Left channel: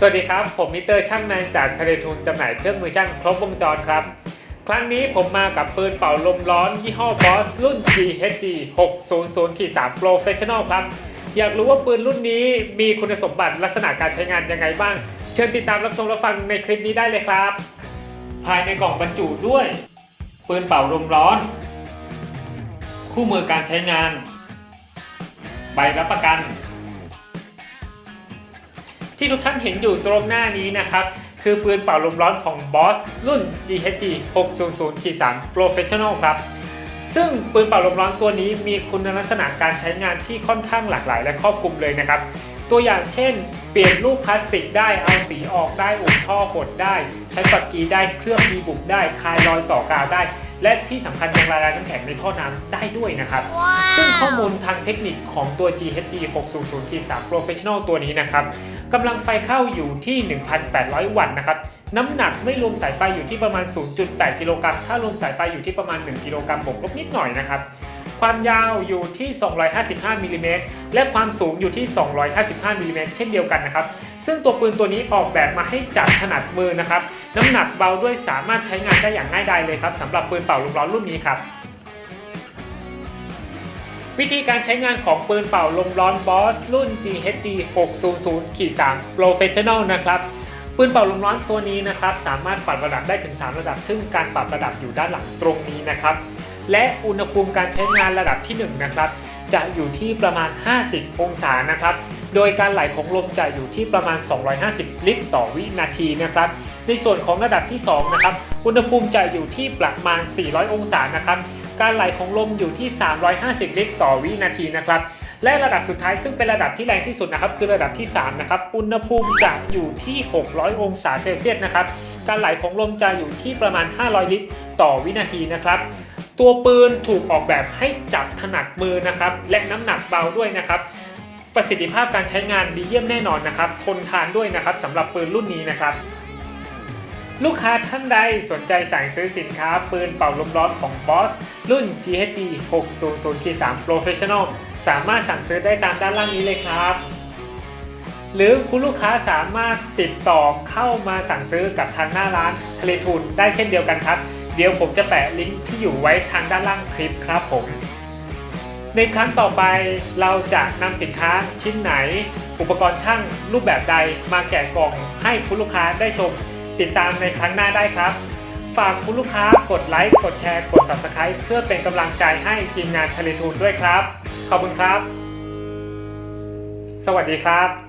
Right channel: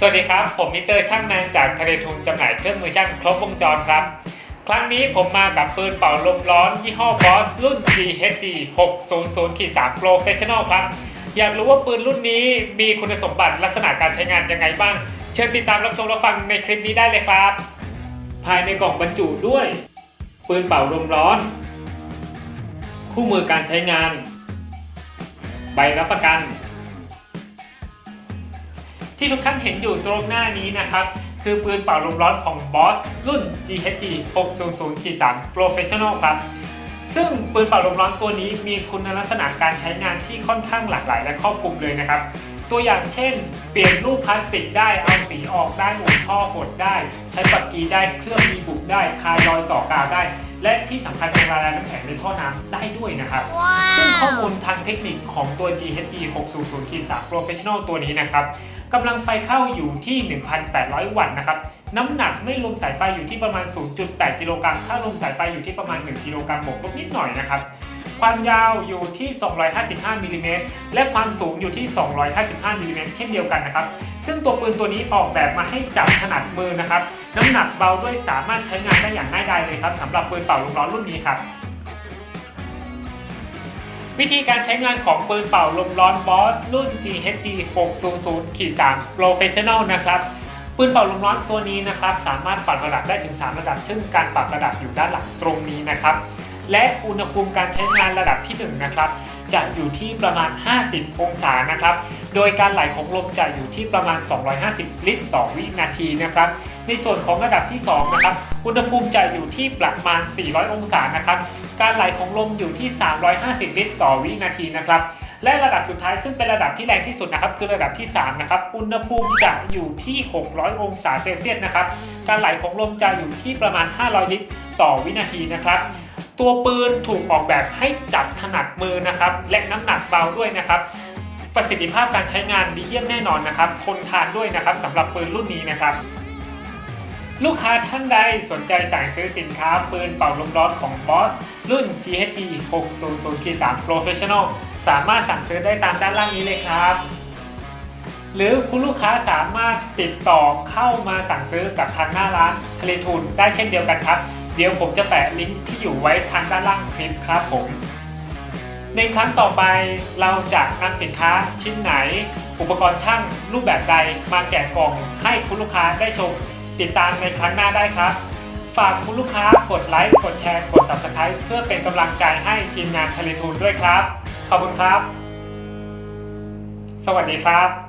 สวัสดีครับ ผมมิเตอร์ช่างแมนจากทะเลทุงจำหน่ายเครื่องมือช่างครบวงจรครับ ครั้งนี้ผมมากับปืนเป่าลมร้อน ยี่ห้อบอสรุ่น GHG 600 3 Professional ครับ อยากรู้ว่าปืนรุ่นนี้มีคุณสมบัติลักษณะการใช้งานยังไงบ้าง เชิญติดตามรับชมรับฟังในคลิปนี้ได้เลยครับ ภายในกล่องบรรจุด้วย ปืนเป่าลมร้อน คู่มือการใช้งาน ใบรับประกัน ที่ทุกท่านเห็นอยู่ตรงหน้านี้นะครับ คือปืนเป่าลมร้อนของ Boss รุ่น GHG 600 3 Professional ครับ ซึ่งปืนเป่าลมร้อนตัวนี้มีคุณลักษณะการใช้งานที่ค่อนข้างหลากหลายและครอบคลุมเลยนะครับ ตัวอย่างเช่น เปลี่ยนรูปพลาสติกได้ เอาสีออกได้อุดท่อหดได้ ใช้ปักกีได้ เครื่องมีบุกได้ คายรอยต่อกาวได้ และที่สำคัญเป็นละลายน้ำแข็งในท่อน้ำได้ด้วยนะครับ ซึ่งข้อมูลทางเทคนิคของตัว GHG 600 3 Professional ตัวนี้นะครับกำลังไฟเข้าอยู่ที่ 1,800 วัตต์นะครับน้ำหนักไม่รวมสายไฟอยู่ที่ประมาณ 0.8 กิโลกรัมถ้ารวมสายไฟอยู่ที่ประมาณ 1 กิโลกรัมบวกลบนิดหน่อยนะครับ ความยาวอยู่ที่ 255มิลลิเมตรและความสูงอยู่ที่ 255มิลลิเมตรเช่นเดียวกันนะครับ ซึ่งตัวปืนตัวนี้ออกแบบมาให้จับถนัดมือนะครับ น้ำหนักเบาด้วยสามารถใช้งานได้อย่างง่ายดายเลยครับสำหรับปืนเป่าลมร้อนรุ่นนี้ครับวิธีการใช้งานของปืนเป่าลมร้อนบอสรุ่น GHG 600 3 Professional นะครับปืนเป่าลมร้อนตัวนี้นะครับ สามารถปรับระดับได้ถึง 3 ระดับ ซึ่งการปรับระดับอยู่ด้านหลังตรงนี้นะครับ และอุณหภูมิการใช้งานระดับที่ 1 นะครับ จะอยู่ที่ประมาณ 50 องศานะครับ โดยการไหลของลมจะอยู่ที่ประมาณ 250 ลิตรต่อวินาทีนะครับ ในส่วนของระดับที่ 2 นะครับ อุณหภูมิจะอยู่ที่ประมาณ 400 องศานะครับ การไหลของลมอยู่ที่ 350 ลิตรต่อวินาทีนะครับ และระดับสุดท้ายซึ่งเป็นระดับที่แรงที่สุดนะครับคือระดับที่3นะครับอุณหภูมิจะอยู่ที่ 600 องศาเซลเซียสนะครับการไหลของลมจะอยู่ที่ประมาณ 500 ลิตร ต่อวินาทีนะครับตัวปืนถูกออกแบบให้จับถนัดมือนะครับและน้ำหนักเบาด้วยนะครับประสิทธิภาพการใช้งานดีเยี่ยมแน่นอนนะครับ ทนทานด้วยนะครับสำหรับปืนรุ่นนี้นะครับ ลูกค้าท่านใดสนใจสั่งซื้อสินค้าปืนเป่าลมร้อนของ Boss รุ่น GHG 600 3 Professional สามารถสั่งซื้อได้ตามด้านล่างนี้เลยครับ หรือคุณลูกค้าสามารถติดต่อเข้ามาสั่งซื้อกับทางหน้าร้านทะเลทุนได้เช่นเดียวกันครับ เดี๋ยวผมจะแปะลิงก์ที่อยู่ไว้ทางด้านล่างคลิปครับผมในครั้งต่อไปเราจะนำสินค้าชิ้นไหน อุปกรณ์ช่างรูปแบบใดมาแกะกล่องให้คุณลูกค้าได้ชม ติดตามในครั้งหน้าได้ครับ ฝากคุณลูกค้ากดไลค์กดแชร์กด Subscribe เพื่อเป็นกำลังใจให้ทีมงานทะเลทูนด้วยครับ ขอบคุณครับ สวัสดีครับ